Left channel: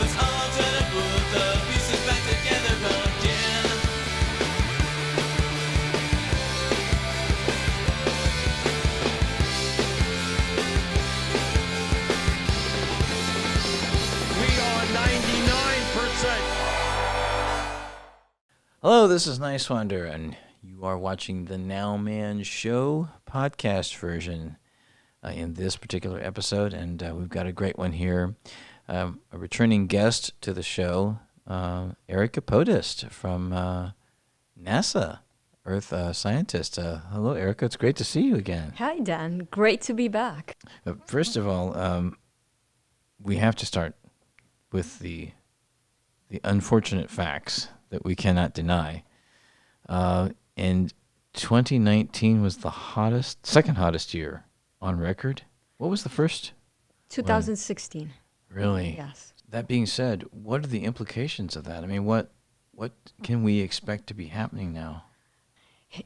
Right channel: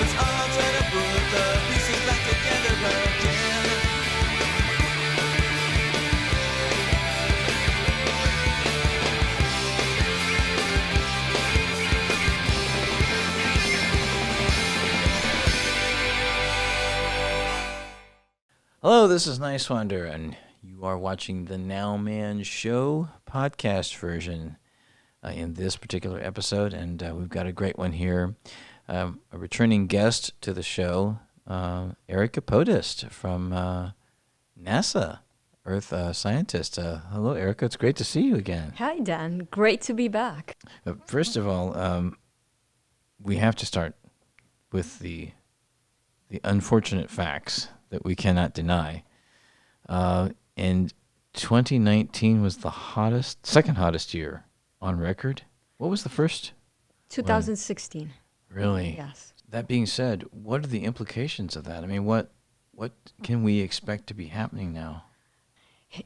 Let's all try to put the pieces back together again. Hello, this is Niswander, and you are watching the NOWMAN Show podcast version in this particular episode, and we've got a great one here. A returning guest to the show, Erika Podest from NASA, Earth Scientist. Hello, Erika. It's great to see you again. Hi, Dan. Great to be back. First of all, we have to start with the unfortunate facts that we cannot deny. And 2019 was the second hottest year on record. What was the first? 2016. One? Really? Yes. That being said, what are the implications of that? I mean, what can we expect to be happening now?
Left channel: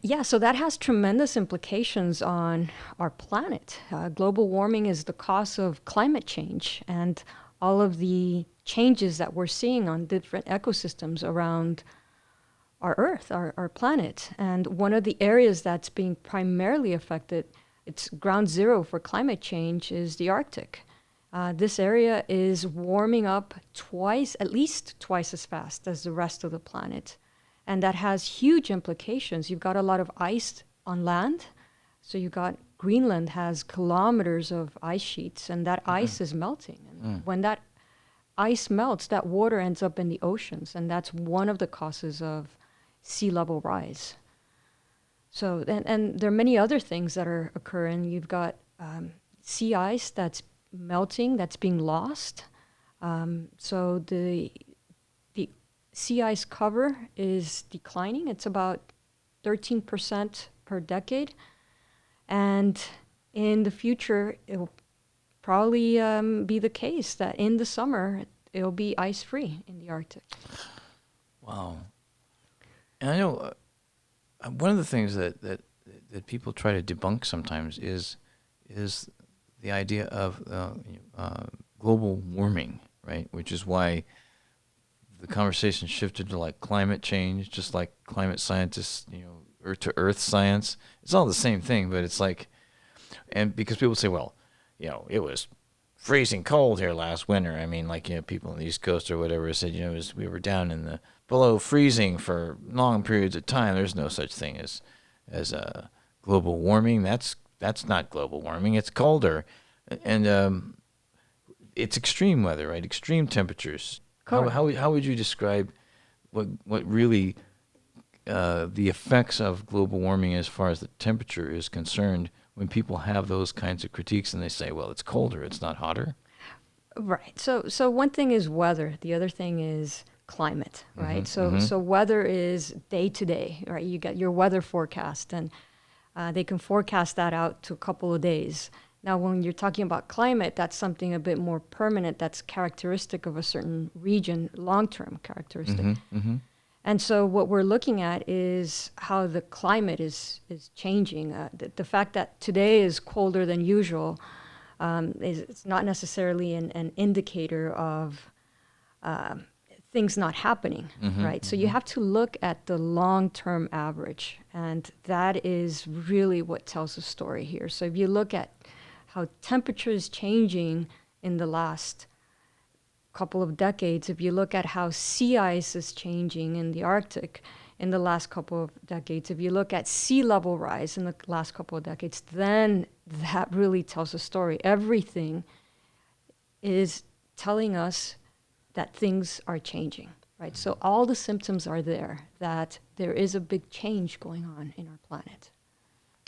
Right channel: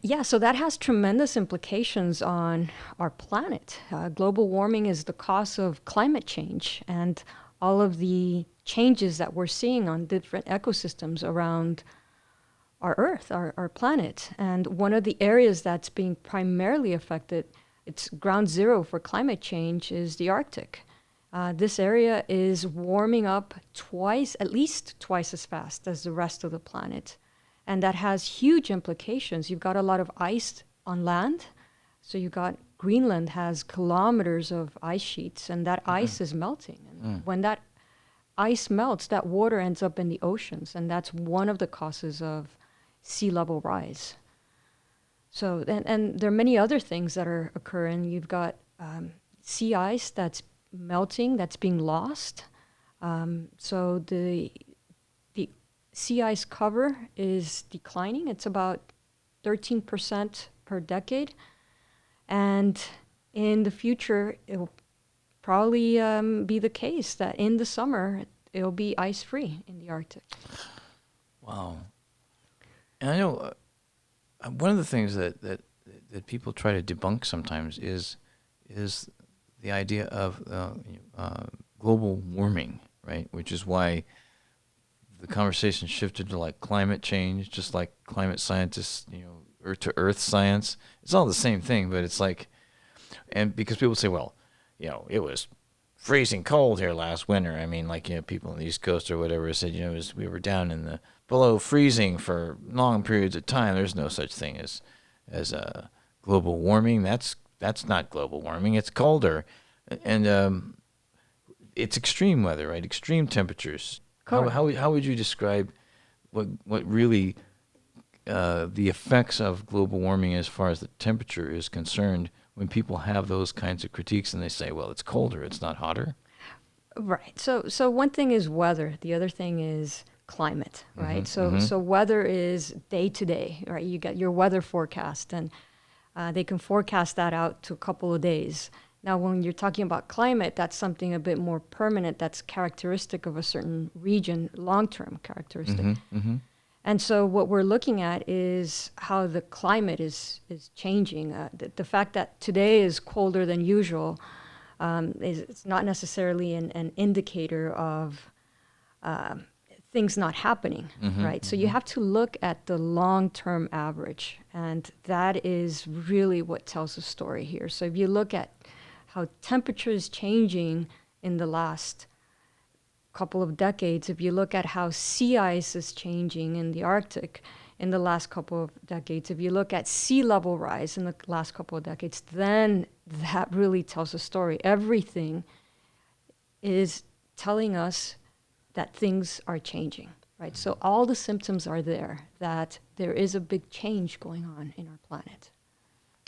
Yeah, so that has tremendous implications on our planet. Global warming is the cause of climate change, and all of the changes that we're seeing on different ecosystems around our Earth, our planet. And one of the areas that's being primarily affected, it's ground zero for climate change, is the Arctic. This area is warming up at least twice as fast as the rest of the planet. And that has huge implications. You've got a lot of ice on land. So you've got Greenland has kilometers of ice sheets, and that ice is melting. And when that ice melts, that water ends up in the oceans, and that's one of the causes of sea level rise. So, and there are many other things that are occurring. You've got sea ice that's melting, that's being lost. So the sea ice cover is declining. It's about 13% per decade. And in the future, it will probably be the case that in the summer, it'll be ice-free in the Arctic. Wow. And I know one of the things that people try to debunk sometimes is the idea of global warming, right? Which is why the conversation shifted to like climate change, just like climate scientists, earth to earth science. It's all the same thing, but it's like, and because people say, well, it was freezing cold here last winter. I mean, like, people on the East Coast or whatever said, we were down in the below freezing for long periods of time. There's no such thing as global warming. That's not global warming. It's colder, and it's extreme weather, right? Extreme temperatures. How would you describe what really the effects of global warming as far as the temperature is concerned when people have those kinds of critiques and they say, well, it's colder, it's not hotter? Right. So one thing is weather. The other thing is climate, right? So weather is day to day, right? You get your weather forecast, and they can forecast that out to a couple of days. Now, when you're talking about climate, that's something a bit more permanent, that's characteristic of a certain region, long-term characteristic. And so what we're looking at is how the climate is changing. The fact that today is colder than usual it's not necessarily an indicator of things not happening, right? So you have to look at the long-term average, and that is really what tells the story here. So if you look at how temperature is changing in the last couple of decades, if you look at how sea ice is changing in the Arctic in the last couple of decades, if you look at sea level rise in the last couple of decades, then that really tells a story. Everything is telling us that things are changing, right? So all the symptoms are there, that there is a big change going on in our planet.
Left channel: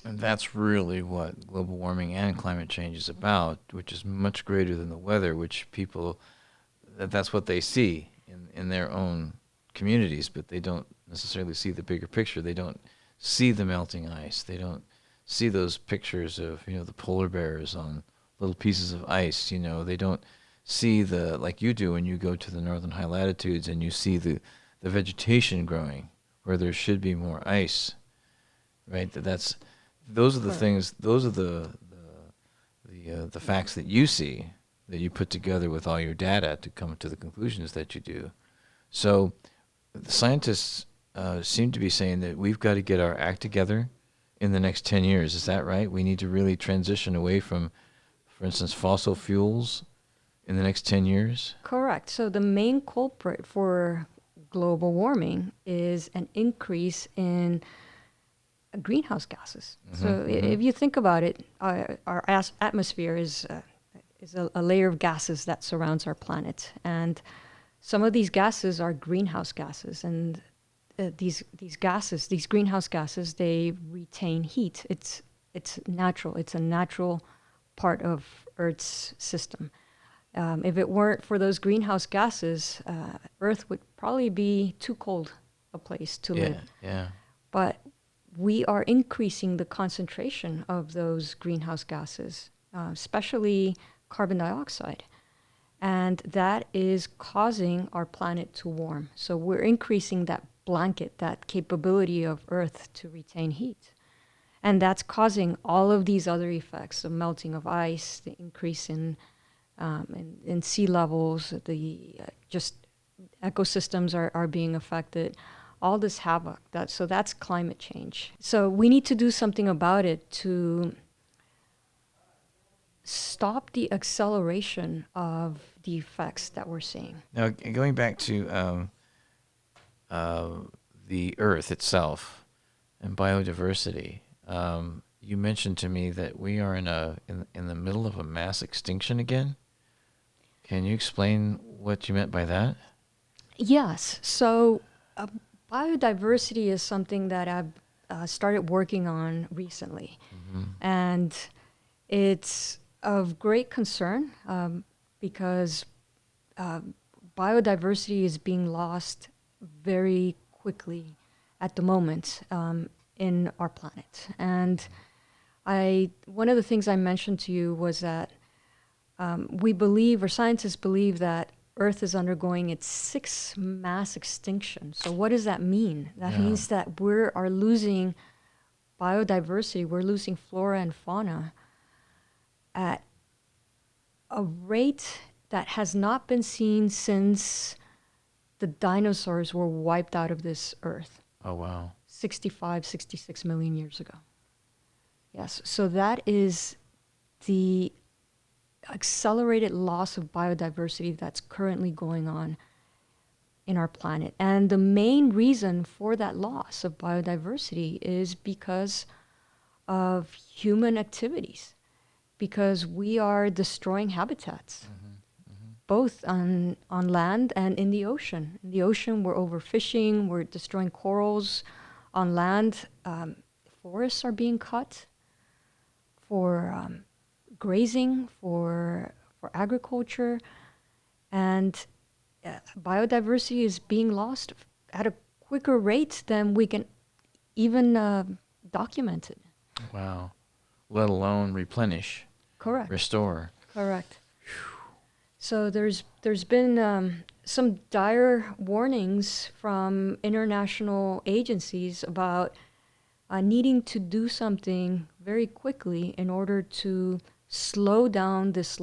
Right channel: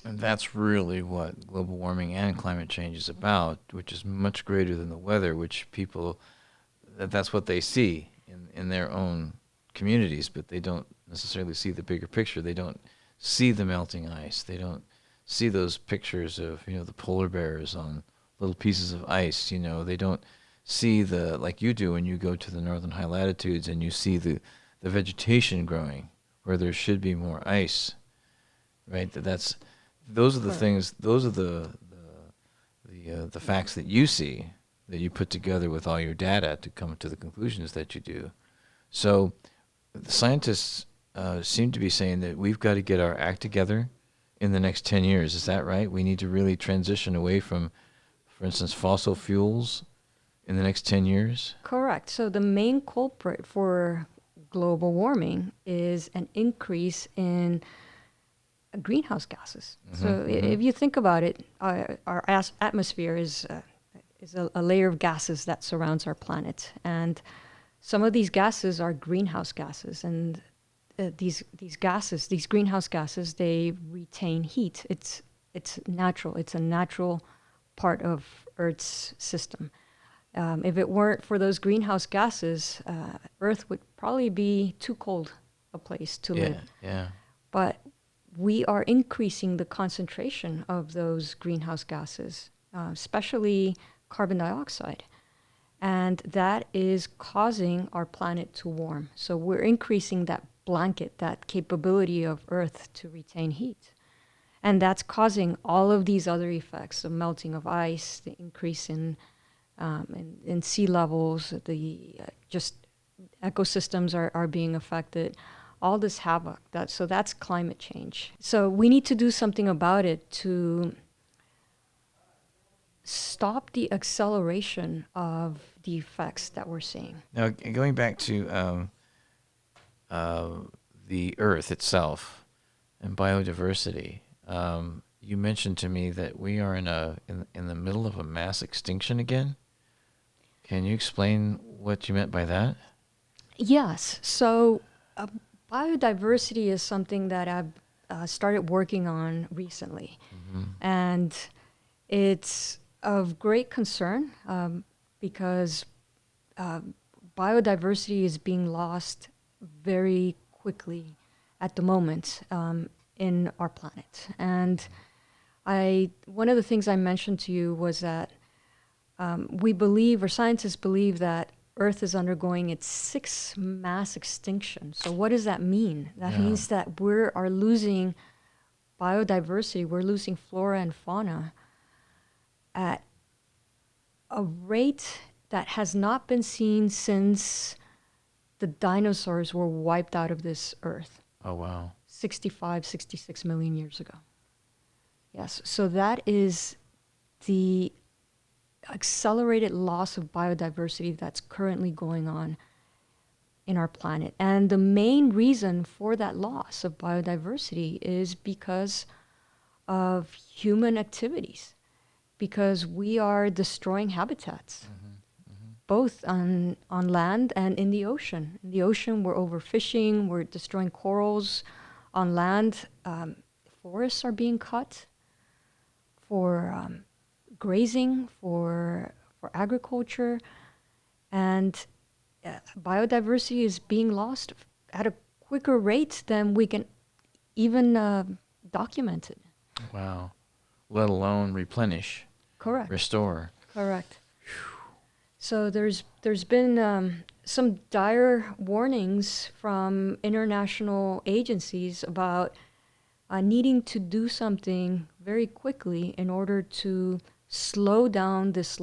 And that's really what global warming and climate change is about, which is much greater than the weather, which people, that's what they see in their own communities, but they don't necessarily see the bigger picture. They don't see the melting ice. They don't see those pictures of, the polar bears on little pieces of ice. They don't see like you do when you go to the northern high latitudes and you see the vegetation growing where there should be more ice, right? Those are the things. Those are the facts that you see, that you put together with all your data to come to the conclusions that you do. So the scientists seem to be saying that we've got to get our act together in the next 10 years. Is that right? We need to really transition away from, for instance, fossil fuels in the next 10 years? Correct. So the main culprit for global warming is an increase in greenhouse gases. So if you think about it, our atmosphere is a layer of gases that surrounds our planet, and some of these gases are greenhouse gases, and these gases, these greenhouse gases, they retain heat. It's natural. It's a natural part of Earth's system. If it weren't for those greenhouse gases, Earth would probably be too cold a place to live. Yeah. But we are increasing the concentration of those greenhouse gases, especially carbon dioxide. And that is causing our planet to warm. So we're increasing that blanket, that capability of Earth to retain heat. And that's causing all of these other effects, the melting of ice, the increase in sea levels, the just ecosystems are being affected, all this havoc. So that's climate change. So we need to do something about it to stop the acceleration of the effects that we're seeing. Now, going back to the Earth itself and biodiversity, you mentioned to me that we are in the middle of a mass extinction again. Can you explain what you meant by that? Yes. So biodiversity is something that I've started working on recently. And it's of great concern because biodiversity is being lost very quickly at the moment in our planet. And one of the things I mentioned to you was that we believe, or scientists believe, that Earth is undergoing its 6th mass extinction. So what does that mean? That means that we are losing biodiversity, we're losing flora and fauna at a rate that has not been seen since the dinosaurs were wiped out of this Earth. Oh, wow. 66 million years ago. Yes, so that is the accelerated loss of biodiversity that's currently going on in our planet. And the main reason for that loss of biodiversity is because of human activities, because we are destroying habitats, both on land and in the ocean. In the ocean, we're overfishing, we're destroying corals. On land, forests are being cut for grazing, for agriculture, and biodiversity is being lost at a quicker rate than we can even document it. Wow. Let alone replenish. Correct. Restore. Correct. So there's been some dire warnings from international agencies about needing to do something very quickly in order to slow down this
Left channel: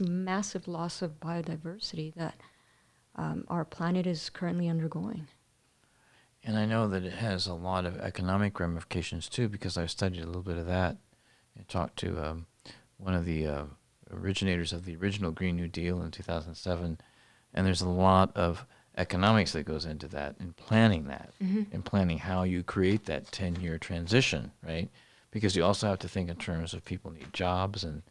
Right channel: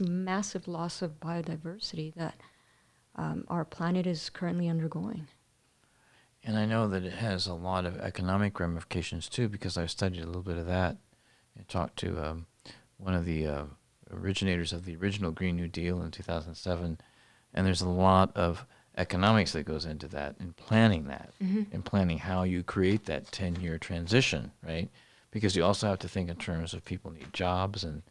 massive loss of biodiversity that our planet is currently undergoing. And I know that it has a lot of economic ramifications too, because I've studied a little bit of that and talked to one of the originators of the original Green New Deal in 2007. And there's a lot of economics that goes into that, and planning that, and planning how you create that 10-year transition, right? Because you also have to think in terms of people need jobs, and,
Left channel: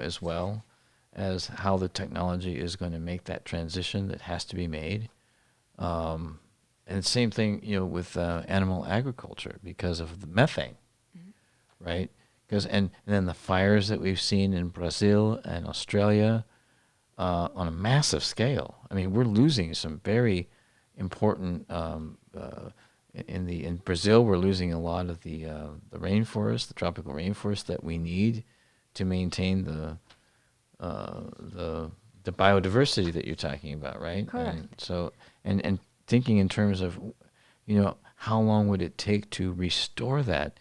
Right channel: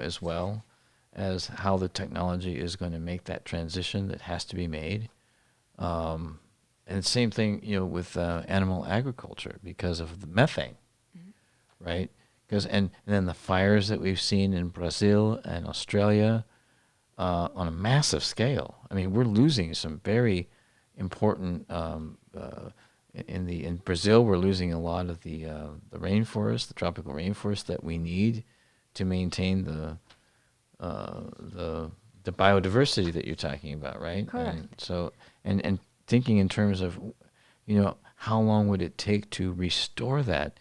as well as how the technology is going to make that transition that has to be made. And the same thing, with animal agriculture because of the methane, right? And then the fires that we've seen in Brazil and Australia on a massive scale. I mean, we're losing some very important. In Brazil, we're losing a lot of the rainforest, the tropical rainforest that we need to maintain the biodiversity that you're talking about, right? Correct. And so, and thinking in terms of, how long would it take to restore that?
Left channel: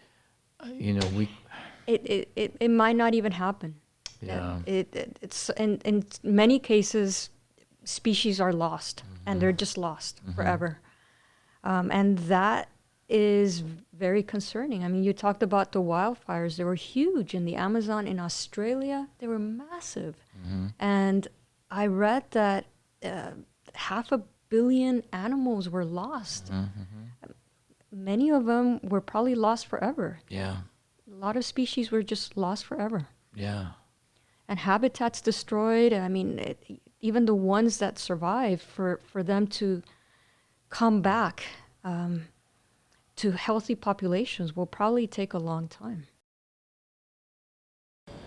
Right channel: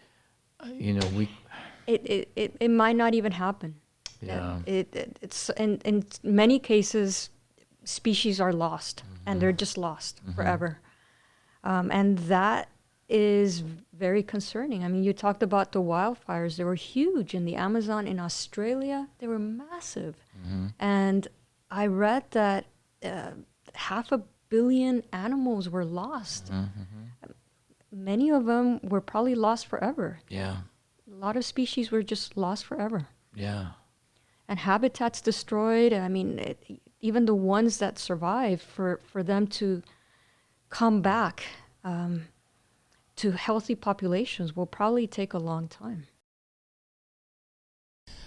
It might not even happen. Yeah. It's in many cases, species are lost, and they're just lost forever. And that is very concerning. I mean, you talked about the wildfires. They were huge in the Amazon, in Australia. They were massive. And I read that 500 million animals were lost. Many of them were probably lost forever. Yeah. A lot of species were just lost forever. Yeah. And habitats destroyed. I mean, even the ones that survived, for them to come back to healthy populations will probably take a long time.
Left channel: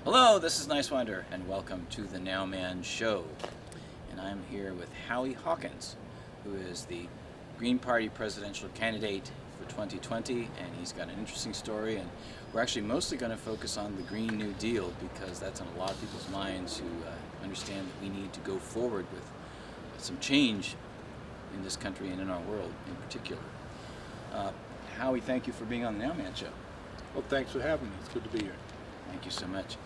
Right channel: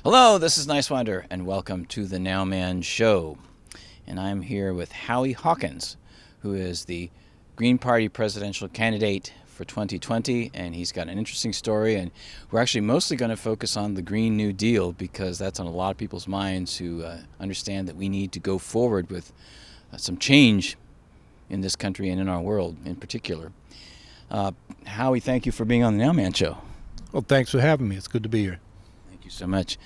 Hello, this is Niswander, and welcome to the NOWMAN Show. And I'm here with Howie Hawkins, who is the Green Party presidential candidate for 2020, and he's got an interesting story, and we're actually mostly going to focus on the Green New Deal because that's on a lot of people's minds who understand that we need to go forward with some change in this country and in our world in particular. Howie, thank you for being on the NOWMAN Show. Well, thanks for having me. It's good to be here. Thank you so much.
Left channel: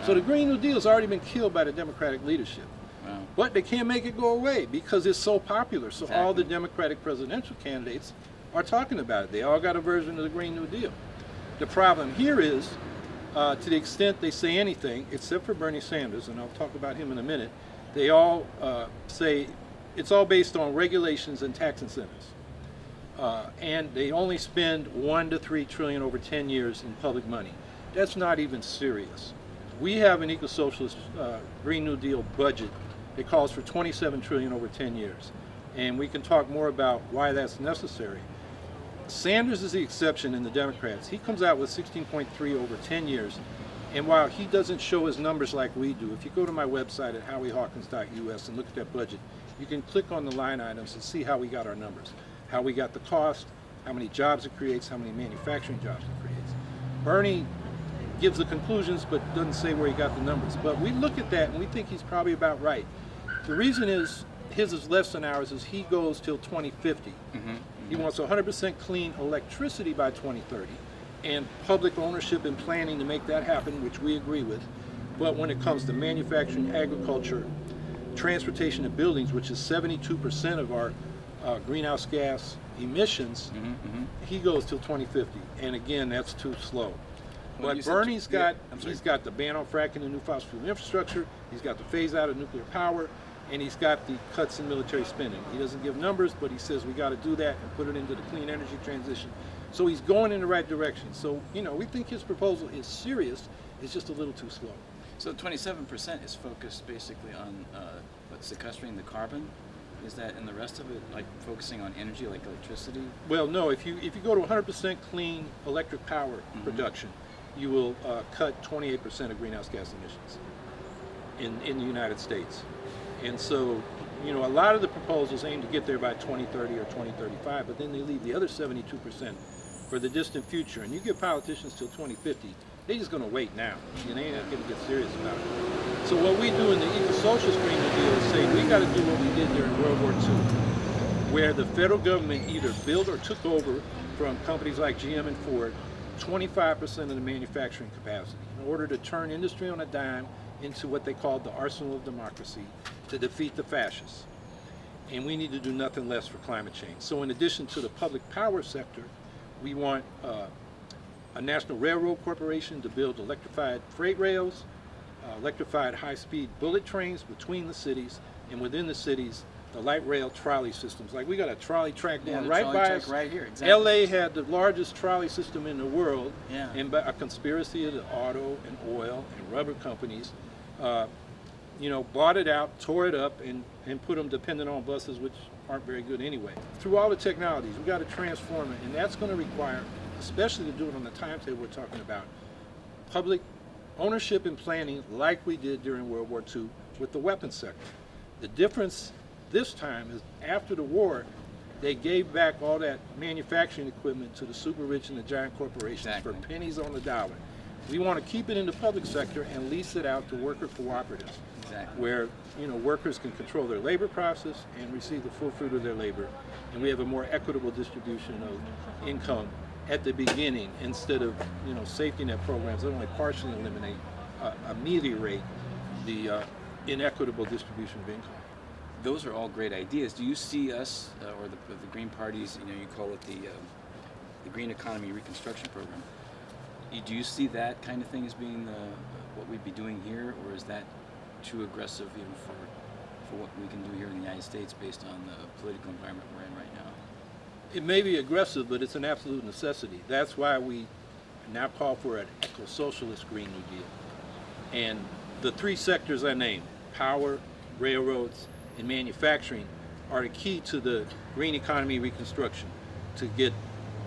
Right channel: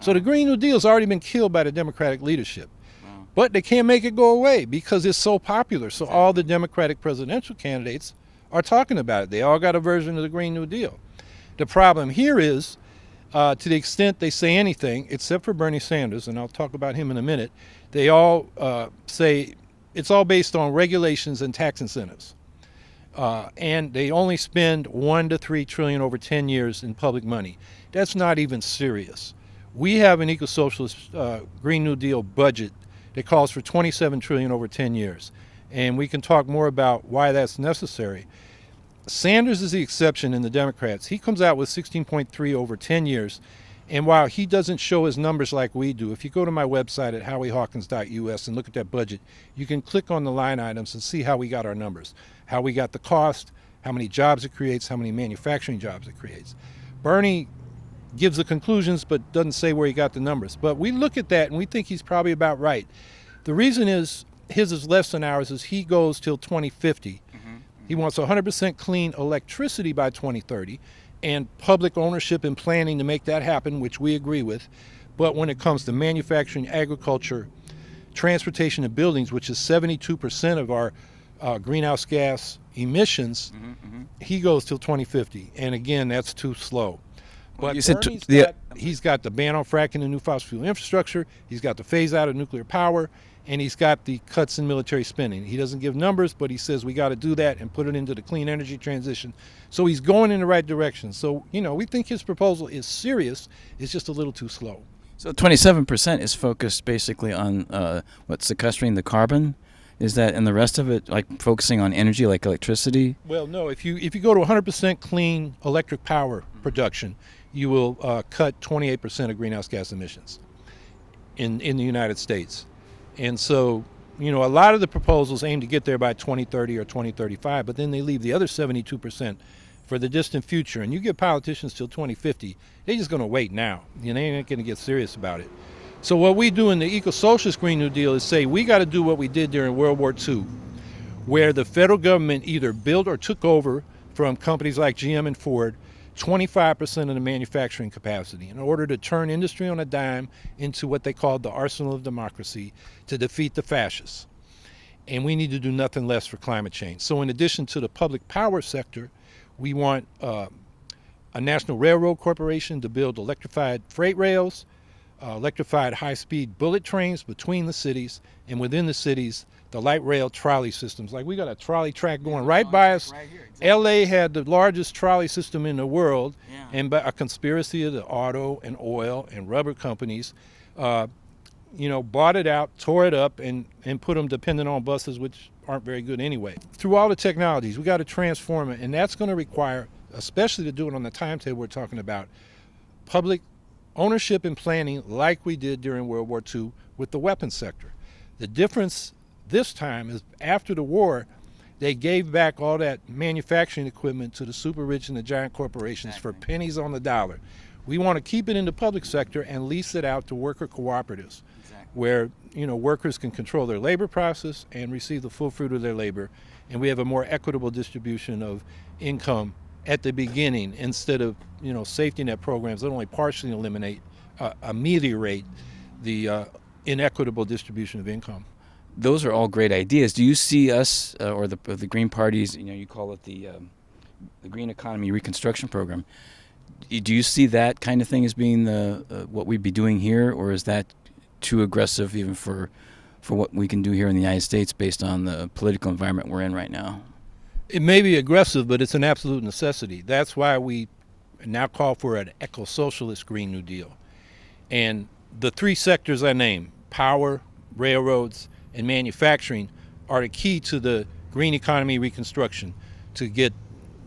So the Green New Deal's already been killed by the Democratic leadership. Wow. But they can't make it go away because it's so popular. So all the Democratic presidential candidates are talking about it. They all got a version of the Green New Deal. The problem here is, to the extent they say anything, except for Bernie Sanders, and I'll talk about him in a minute, they all say it's all based on regulations and tax incentives. And they only spend 1 to 3 trillion over 10 years in public money. That's not even serious. We have an eco-socialist Green New Deal budget that calls for 27 trillion over 10 years. And we can talk more about why that's necessary. Sanders is the exception in the Democrats. He comes out with 16.3 over 10 years. And while he doesn't show his numbers like we do, if you go to my website at howiehawkins.us and look at that budget, you can click on the line items and see how we got our numbers, how we got the cost, how many jobs it creates, how many manufacturing jobs it creates. Bernie gives the conclusions but doesn't say where he got the numbers. But we look at that and we think he's probably about right. The reason is his is less than ours is he goes till 2050. He wants 100% clean electricity by 2030 and public ownership and planning to make that happen, which we agree with. But when it comes to manufacturing, agriculture, transportation, and buildings, which is 72% of our greenhouse gas emissions, he goes till 2050. And again, that's too slow. But Bernie's he's got the ban on fracking and new fossil fuel infrastructure. He's got the phase out of nuclear power. And he's got the cuts in military spending. He doesn't give numbers, but he says we got to do that and put it into the clean energy transition. So he's going in the right direction. So, we think his proposal is serious. It's just a little too slow. So 27% is focused basically on sequestering the carbon. Is that, and the rest of it like focusing on energy like electricity? Well, no. If you go to 100% clean electric power production, you will cut 28% of greenhouse gas emissions in the United States. And so, a lot of the proposals aim to get there by 2030 or 2035, but then they leave the other 72% for the distant future. And you give politicians till 2050, they're just going to wait now. They ain't going to get serious about it. So what we do in the eco-socialist Green New Deal is say we got to do what we did during World War II, where the federal government either built or took over from companies like GM and Ford 25% of the manufacturing capacity in order to turn industry on a dime into what they called the arsenal of democracy to defeat the fascists. And we need to do nothing less for climate change. So in addition to the public power sector, we want a national railroad corporation to build electrified freight rails, electrified high-speed bullet trains between the cities, and within the cities, the light rail trolley systems. Like we got a trolley track going right by us. Right here, exactly. LA had the largest trolley system in the world, and by a conspiracy of the auto and oil and rubber companies, bought it out, tore it up, and put them dependent on buses, which aren't very good anyway. Through all the technologies, we got to transform it, and that's going to require, especially to do it on the timetable we're talking about, public ownership and planning like we did during World War II with the weapons sector. The difference this time is after the war, they gave back all that manufacturing equipment to the super rich and the giant corporations for pennies on the dollar. We want to keep it in the public sector and lease it out to worker cooperatives, where workers can control their labor process and receive the full fruit of their labor. And we have a more equitable distribution of income at the beginning instead of safety net programs that only partially eliminate ameliorate the inequitable distribution of income. Those are all great ideas. Do you see us or the Green Party's, you call it the Green Economy Reconstruction Program? Do you see that kind of thing as being the what we'd be doing here, or is that too aggressive even for what we can do here in the United States based on the political environment we're in right now? It may be aggressive, but it's an absolute necessity. That's why we now call for an eco-socialist Green New Deal. And the three sectors I named, power, railroads, and manufacturing, are the key to the green economy reconstruction to get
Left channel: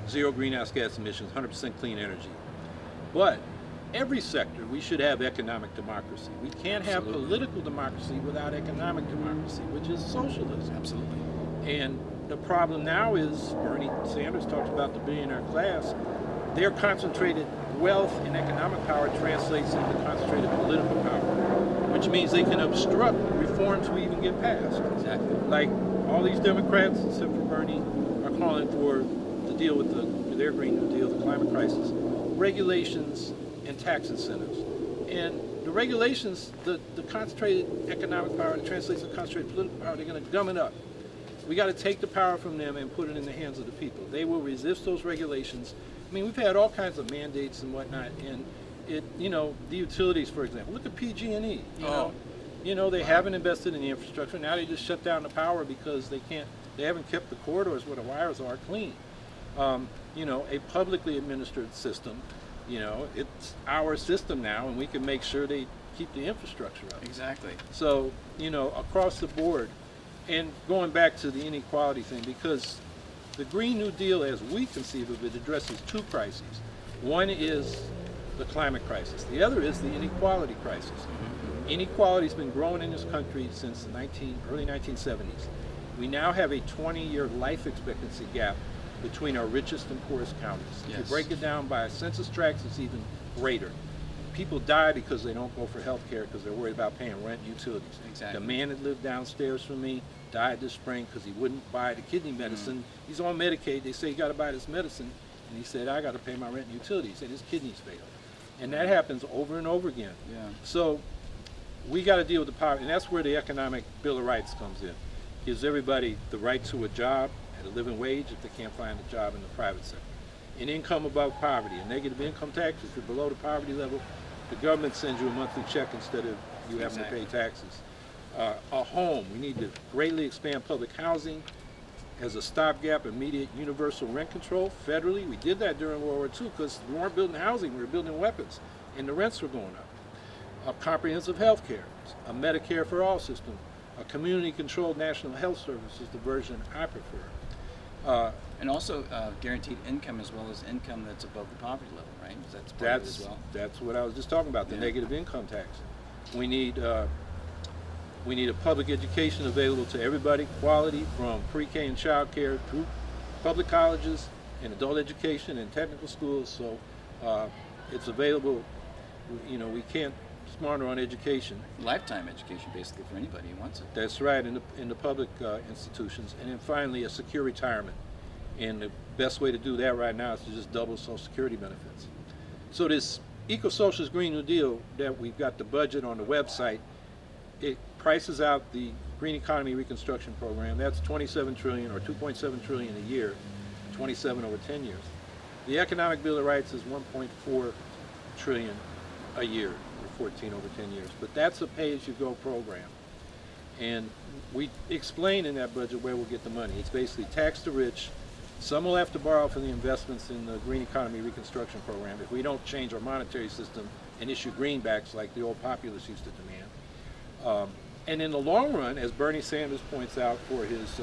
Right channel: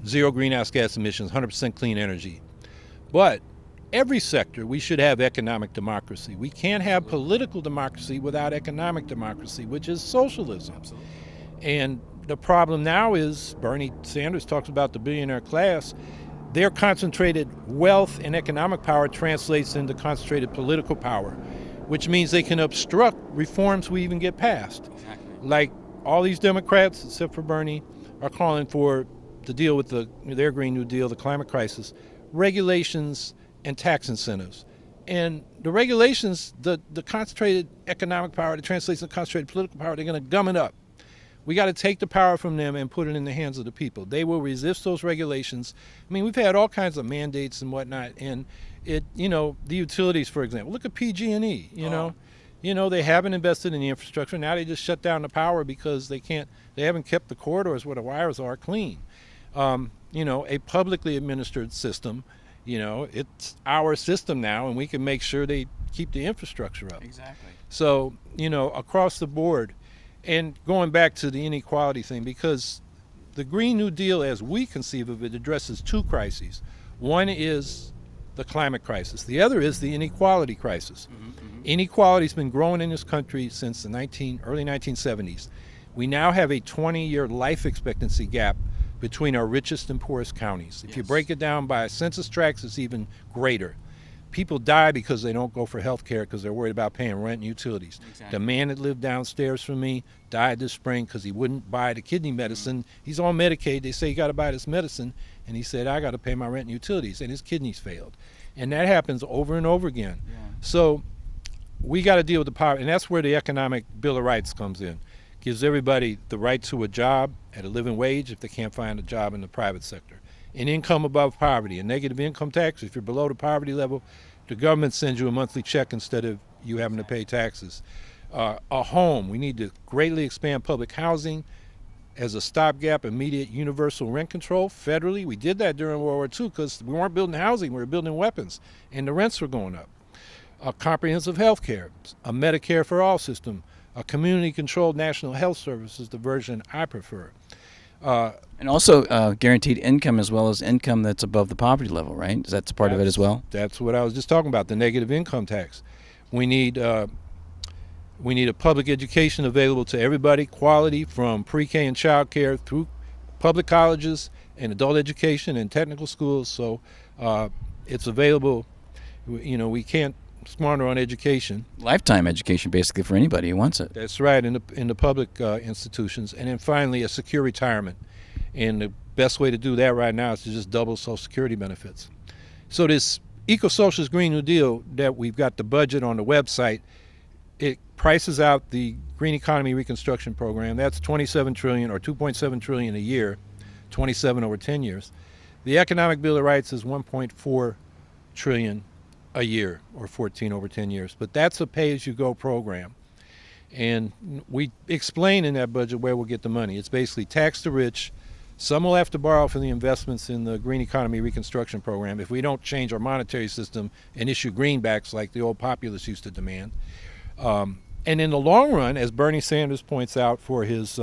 zero greenhouse gas emissions, 100% clean energy. But every sector, we should have economic democracy. We can't have political democracy without economic democracy, which is socialism. Absolutely. And the problem now is, Bernie Sanders talks about the billionaire class, their concentrated wealth and economic power translates into concentrated political power, which means they can obstruct reforms we even get passed. Exactly. Like all these Democrats, except for Bernie, are calling for to deal with their Green New Deal, the climate crisis, regulations and tax incentives. And the regulations, the concentrated economic power that translates to concentrated political power, they're going to gum it up. We got to take the power from them and put it in the hands of the people. They will resist those regulations. I mean, we've had all kinds of mandates and whatnot, and the utilities, for example. Look at PG&E. They haven't invested in the infrastructure. Now they just shut down the power because they haven't kept the corridors where the wires are clean. A publicly administered system, it's our system now, and we can make sure they keep the infrastructure up. Exactly. So, across the board, and going back to the inequality thing, because the Green New Deal, as we conceive of it, addresses two crises. One is the climate crisis. The other is the inequality crisis. Inequality's been growing in this country since the early 1970s. We now have a 20-year life expectancy gap between our richest and poorest counties. If you break it down by census tracts, it's even greater. People die because they don't go for health care because they're worried about paying rent and utilities. Exactly. The man that lived downstairs from me died this spring because he wouldn't buy the kidney medicine. He's on Medicaid. They say you got to buy this medicine, and he said, I got to pay my rent and utilities, and his kidneys failed. And that happens over and over again. Yeah. So we got to deal with the poverty, and that's where the Economic Bill of Rights comes in. Gives everybody the right to a job at a living wage if they can't find a job in the private sector. An income above poverty, a negative income tax. If you're below the poverty level, the government sends you a monthly check instead of you having to pay taxes. A home. We need to greatly expand public housing as a stopgap, immediate universal rent control federally. We did that during World War II because we weren't building housing, we were building weapons, and the rents were going up. A comprehensive health care, a Medicare for all system, a community-controlled national health service is the version I prefer. And also guaranteed income as well as income that's above the poverty level, right? Is that part of it as well? That's what I was just talking about, the negative income tax. We need a public education available to everybody, quality from pre-K and child care through public colleges and adult education and technical schools. So it's available. We can't smarter on education. Lifetime education, basically, for anybody who wants it. That's right, in the public institutions. And then finally, a secure retirement. And the best way to do that right now is to just double Social Security benefits. So this eco-socialist Green New Deal that we've got the budget on the website, it prices out the Green Economy Reconstruction Program. That's $27 trillion or $2.7 trillion a year, 27 over 10 years. The Economic Bill of Rights is $1.4 trillion a year, or 14 over 10 years. But that's a pay-as-you-go program. And we explain in that budget where we'll get the money. It's basically tax the rich. Some will have to borrow from the investments in the Green Economy Reconstruction Program if we don't change our monetary system and issue greenbacks like the old populists used to demand. And in the long run, as Bernie Sanders points out for his,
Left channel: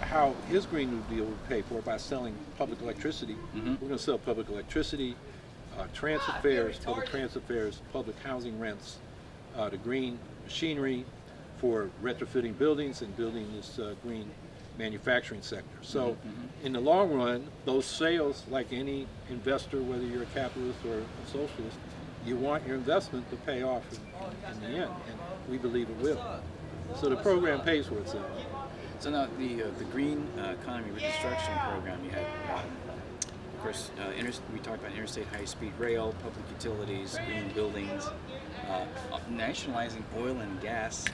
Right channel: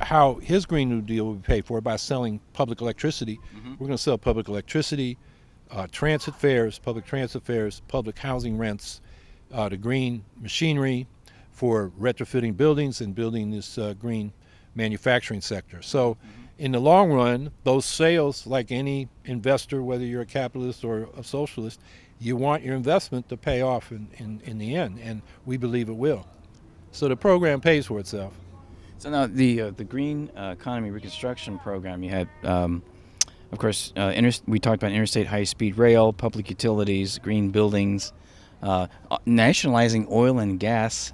how his Green New Deal would pay for it by selling public electricity. We're going to sell public electricity, transit fares, public transit fares, public housing rents, the green machinery for retrofitting buildings and building this green manufacturing sector. So in the long run, those sales, like any investor, whether you're a capitalist or a socialist, you want your investment to pay off in the end, and we believe it will. So the program pays for itself. So now the Green Economy Reconstruction Program, you had of course, we talked about interstate high-speed rail, public utilities, green buildings, nationalizing oil and gas,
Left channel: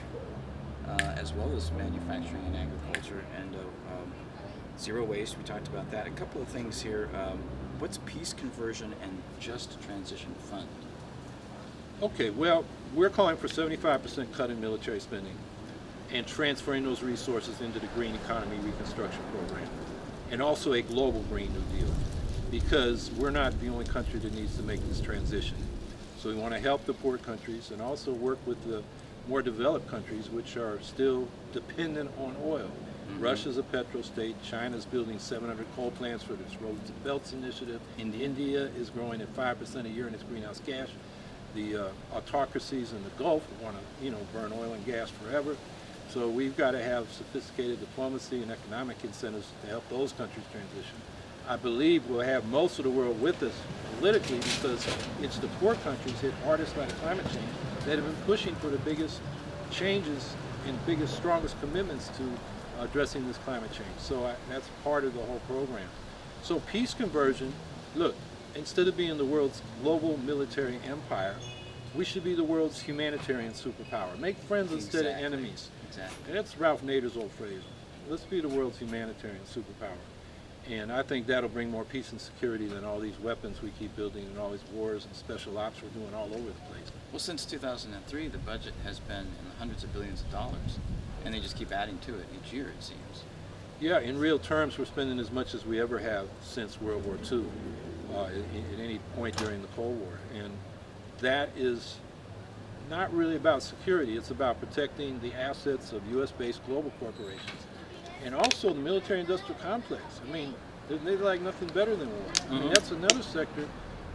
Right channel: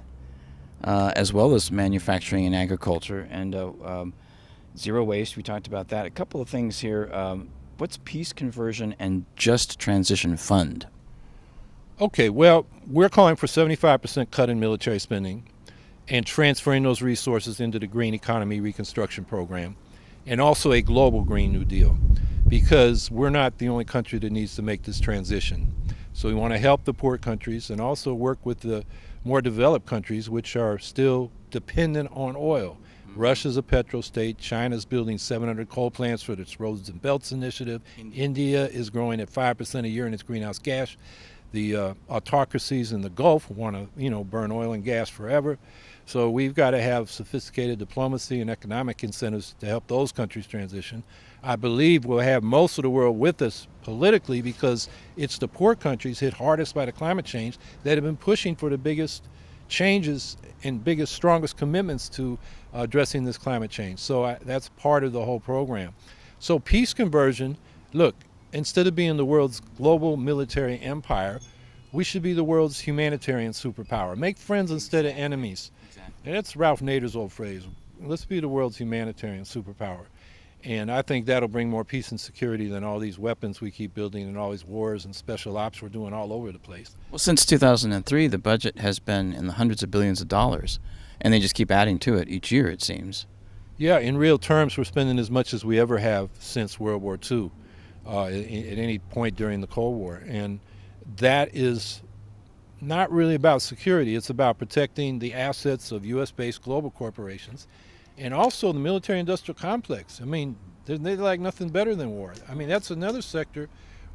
as well as manufacturing and agriculture, and zero waste. We talked about that. A couple of things here. What's peace conversion and just transition fund? Okay, well, we're calling for 75% cut in military spending and transferring those resources into the Green Economy Reconstruction Program, and also a global Green New Deal, because we're not the only country that needs to make this transition. So we want to help the poor countries and also work with the more developed countries, which are still dependent on oil. Russia's a petro state. China's building 700 coal plants for its Roads and Belts initiative. India is growing at 5% a year in its greenhouse gas. The autocracies in the Gulf want to, burn oil and gas forever. So we've got to have sophisticated diplomacy and economic incentives to help those countries transition. I believe we'll have most of the world with us politically, because it's the poor countries hit hardest by the climate change that have been pushing for the biggest changes and biggest, strongest commitments to addressing this climate change. So that's part of the whole program. So peace conversion, look, instead of being the world's global military empire, we should be the world's humanitarian superpower. Make friends instead of enemies. And that's Ralph Nader's old phrase. Let's be the world's humanitarian superpower. And I think that'll bring more peace and security than all these weapons we keep building and all these wars and special ops we're doing all over the place. Well, since 2003, the budget has been in the hundreds of billions of dollars, and they just keep adding to it each year, it seems. Yeah, in real terms, we're spending as much as we ever have since World War II, at any point during the Cold War. And that is not really about security. It's about protecting the assets of U.S.-based global corporations and also the military-industrial complex. I mean, they like nothing better than war. I mean, that's another sector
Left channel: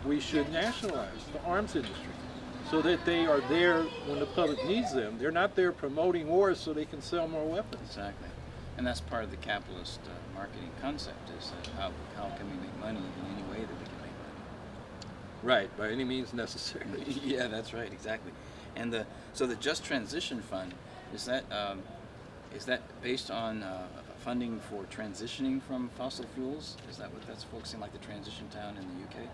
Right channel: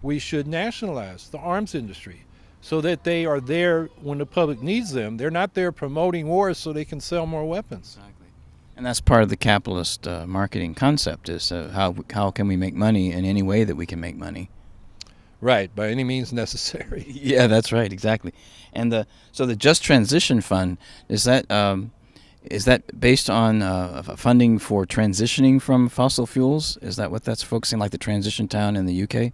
we should nationalize, the arms industry, so that they are there when the public needs them. They're not there promoting wars so they can sell more weapons. Exactly. And that's part of the capitalist marketing concept, is how can we make money in any way that we can make money. Right, by any means necessary. Yeah, that's right, exactly. And so the Just Transition Fund, is that based on funding for transitioning from fossil fuels? Is that what that's focusing, like the Transition Town in the UK?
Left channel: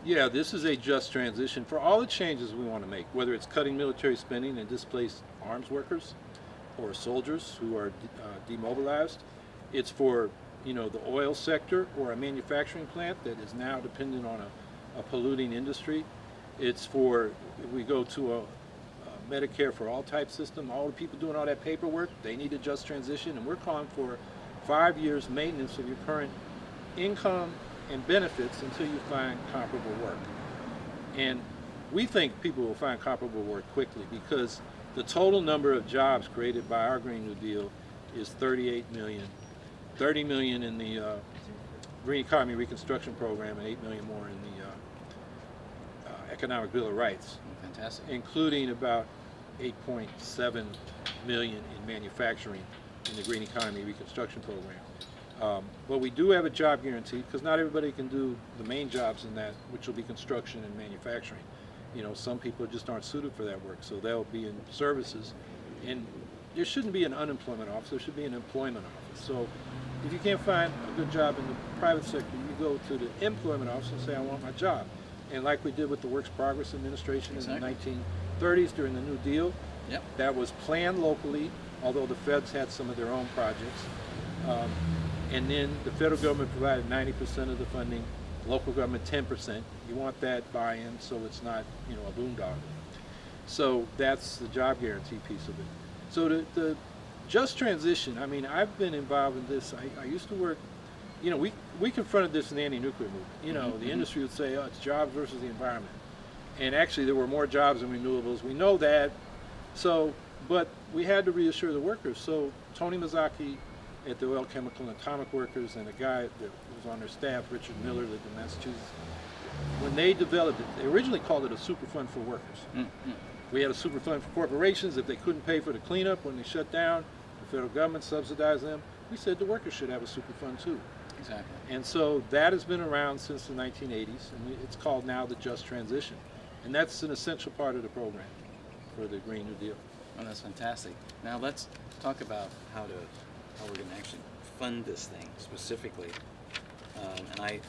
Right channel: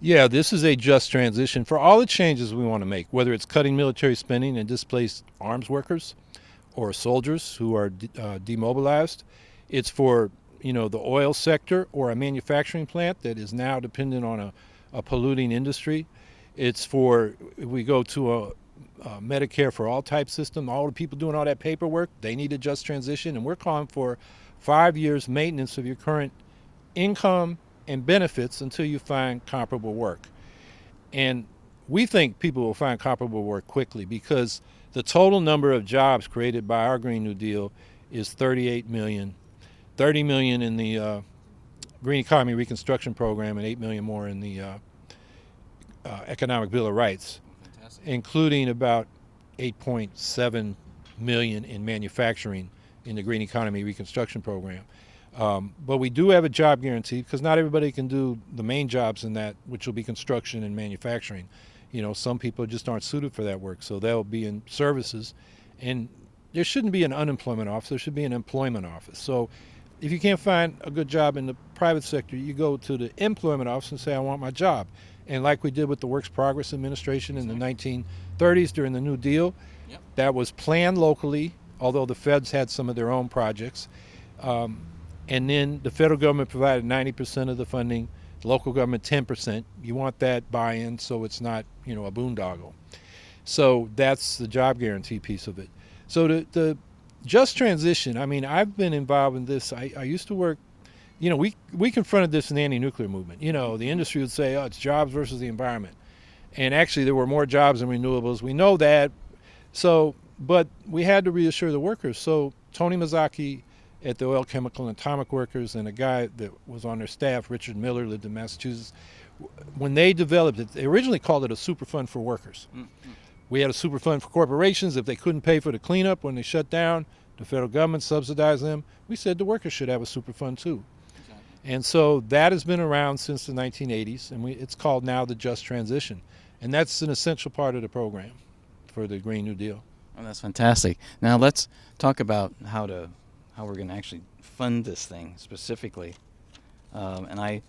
Yeah, this is a just transition for all the changes we want to make, whether it's cutting military spending and displaced arms workers or soldiers who are demobilized. It's for, the oil sector or a manufacturing plant that is now dependent on a polluting industry. It's for, we go to a Medicare for all type system, all the people doing all that paperwork, they need a just transition, and we're calling for 5 years maintenance of your current income and benefits until you find comparable work. And we think people will find comparable work quickly, because the total number of jobs created by our Green New Deal is 38 million. 30 million in the Green Economy Reconstruction Program and 8 million more in the Economic Bill of Rights. Fantastic. Including about 8.7 million in manufacturing in the Green Economy Reconstruction Program. But we do have a job guarantee, because not everybody can do the main jobs in that, which will be construction and manufacturing. Some people just aren't suited for that work, so they'll be in services. And there shouldn't be an unemployment office, there should be an employment office. So if you can't find a good job in the private sector, you go to the employment office and say, I want my job. And like we did with the Works Progress Administration in the 1930s during the New Deal, that was planned locally, although the feds had some of their own projects. And then the federal government provided 90% of the funding, local government 10%. You want that buy-in so it's not, a boondoggle. So that's the job guarantee piece of it. So the just transition, I mean, I've been involved in this. I used to work, we confronted this in the anti-nuclear movement. The industry would say, oh, it's jobs versus the environment. And actually there were more jobs in renewables. We know that. So, but we had to reassure the workers. So Tony Mazzocchi at the Oil, Chemical, and Atomic Workers, and a guy that was on their staff, Richard Miller, lived in Massachusetts, when they developed it, they originally called it a super fund for workers. We had a super fund for corporations. If they couldn't pay for the cleanup when they shut down, the federal government subsidized them. We said the workers should have a super fund too. Exactly. And so that has been around since the 1980s, and it's called now the Just Transition. And that's an essential part of the program for the Green New Deal. Oh, that's fantastic. Now let's talk about how we're going to actually fund this thing specifically. And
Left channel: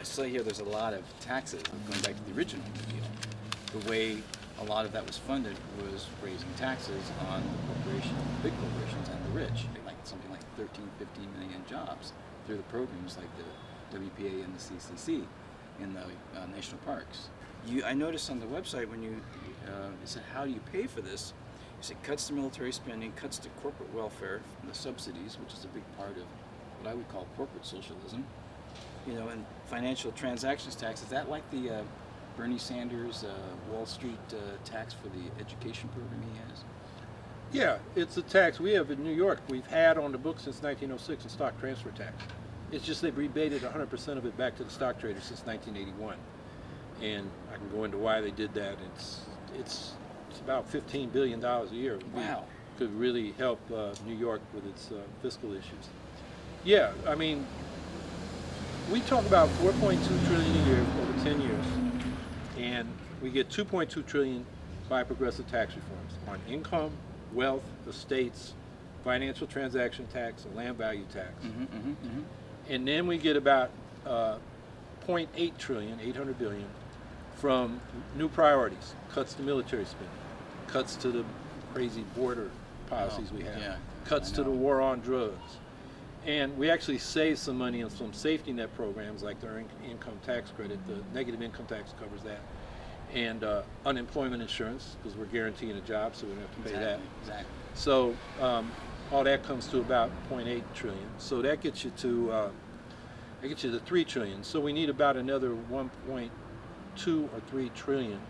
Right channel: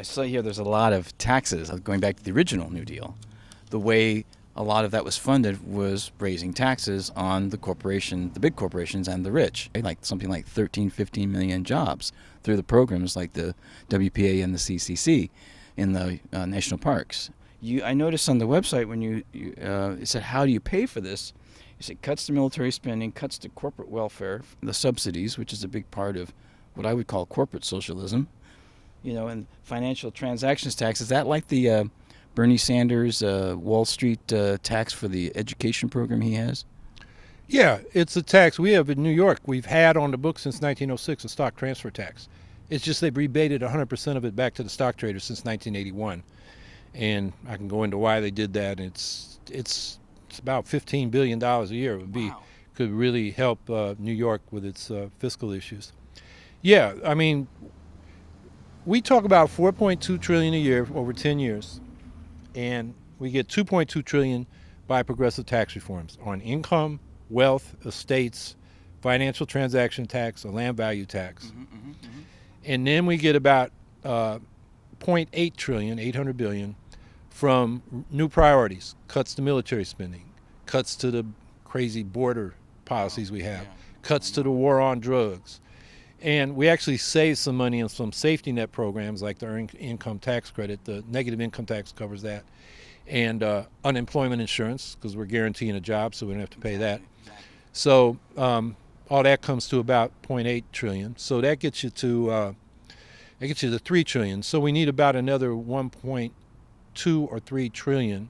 I saw here there's a lot of taxes going back to the original New Deal. The way a lot of that was funded was raising taxes on the big corporations and the rich. Like something like 13, 15 million jobs through the programs like the WPA and the CCC in the national parks. I noticed on the website when it said, how do you pay for this? You said cuts to military spending, cuts to corporate welfare, the subsidies, which is a big part of what I would call corporate socialism, and financial transactions tax. Is that like the Bernie Sanders Wall Street tax for the education program he has? Yeah, it's a tax we have in New York. We've had on the books since 1906 a stock transfer tax. It's just they've rebated 100% of it back to the stock traders since 1981. And I can go into why they did that. It's about $15 billion a year. Could really help New York with its fiscal issues. Yeah, I mean, we talk about 4.2 trillion a year over 10 years, and we get 2.2 trillion by progressive tax reforms on income, wealth, estates, financial transaction tax, a land value tax. And then we get about 0.8 trillion, 800 billion, from new priorities, cuts to military spending, cuts to the crazy border policies we have, cuts to the war on drugs. And we actually save some money on some safety net programs like the earned income tax credit. The negative income tax covers that. And unemployment insurance, because we're guaranteeing a job, so we don't have to pay that. So all that comes to about 0.8 trillion. So that gets you to 3 trillion. So we need about another 1.2 or 3 trillion.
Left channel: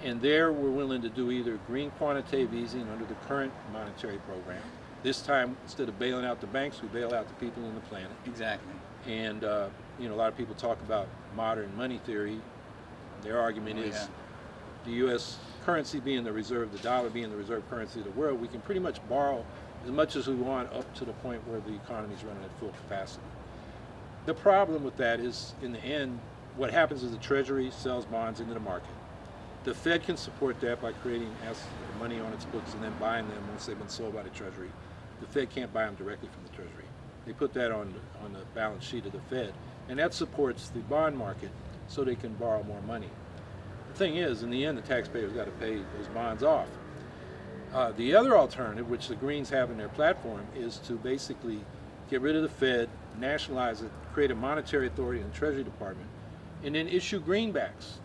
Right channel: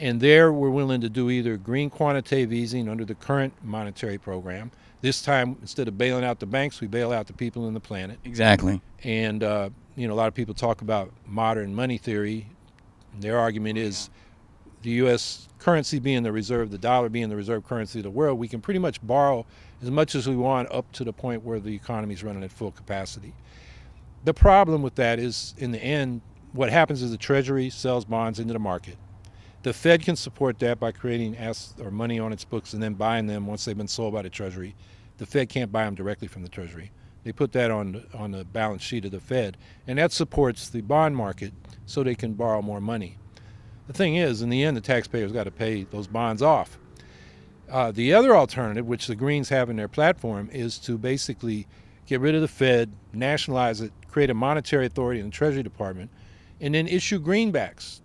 And there we're willing to do either green quantitative easing under the current monetary program. This time, instead of bailing out the banks, we bail out the people on the planet. Exactly. And a lot of people talk about modern money theory. Their argument is the U.S. currency being the reserve, the dollar being the reserve currency of the world, we can pretty much borrow as much as we want up to the point where the economy is running at full capacity. The problem with that is, in the end, what happens is the Treasury sells bonds into the market. The Fed can support that by creating money on its books and then buying them once they've been sold by the Treasury. The Fed can't buy them directly from the Treasury. They put that on the balance sheet of the Fed, and that supports the bond market so they can borrow more money. The thing is, in the end, the taxpayers got to pay those bonds off. The other alternative, which the Greens have in their platform, is to basically get rid of the Fed, nationalize it, create a monetary authority in the Treasury Department, and then issue greenbacks.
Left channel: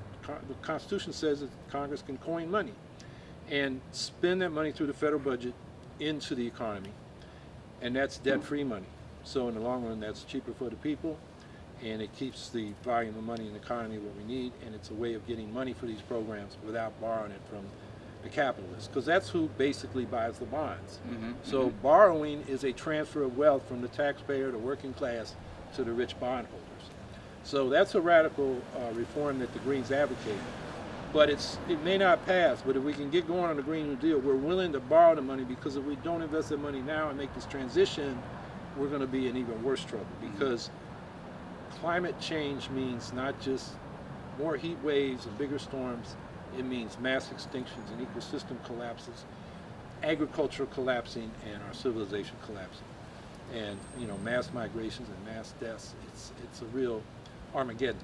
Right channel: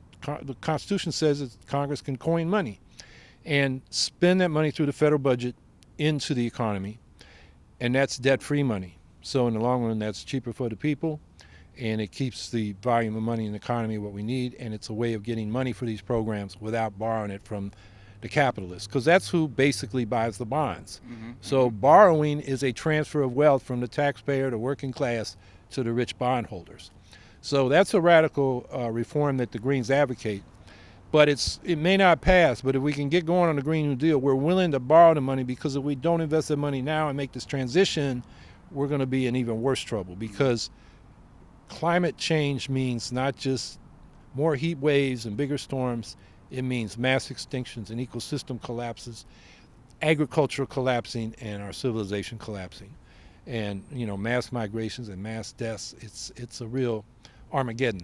The Constitution says that Congress can coin money and spend that money through the federal budget into the economy, and that's debt-free money. So in the long run, that's cheaper for the people, and it keeps the volume of money in the economy what we need, and it's a way of getting money for these programs without borrowing it from the capitalists, because that's who basically buys the bonds. So borrowing is a transfer of wealth from the taxpayer, the working class, to the rich bondholders. So that's a radical reform that the Greens advocate. But it may not pass, but if we can get going on the Green New Deal, we're willing to borrow the money, because if we don't invest the money now and make this transition, we're going to be in even worse trouble, because climate change means not just more heat waves and bigger storms. It means mass extinctions and ecosystem collapses, agriculture collapsing, and our civilization collapsing. And, mass migrations and mass deaths, it's a real Armageddon.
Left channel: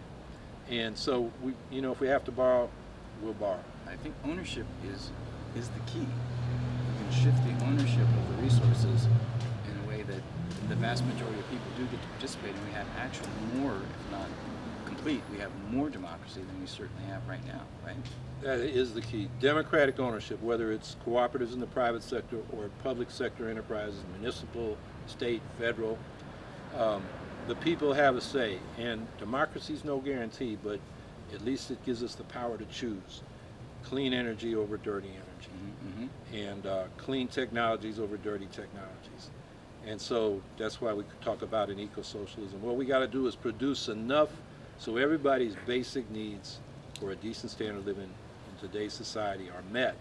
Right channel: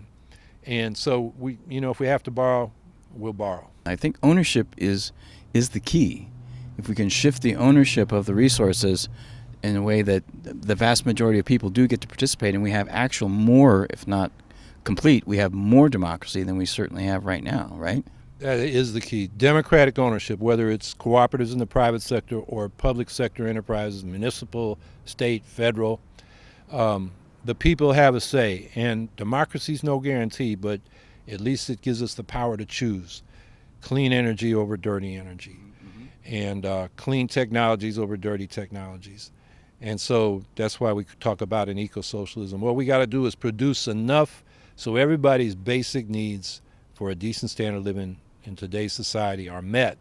And so if we have to borrow, we'll borrow. I think ownership is the key. If we can shift the ownership of the resources in a way that the vast majority of people do get to participate, and we have actual more, if not complete, we have more democracy than we certainly have right now, right? That is the key. Democratic ownership, whether it's cooperatives in the private sector or public sector enterprises, municipal, state, federal, the people have a say. And democracy's no guarantee, but at least it gives us the power to choose clean energy over dirty energy, and clean technologies over dirty technologies. And so that's why we talk about an eco-socialism. What we got to do is produce enough so everybody's basic needs for a decent standard of living in today's society are met.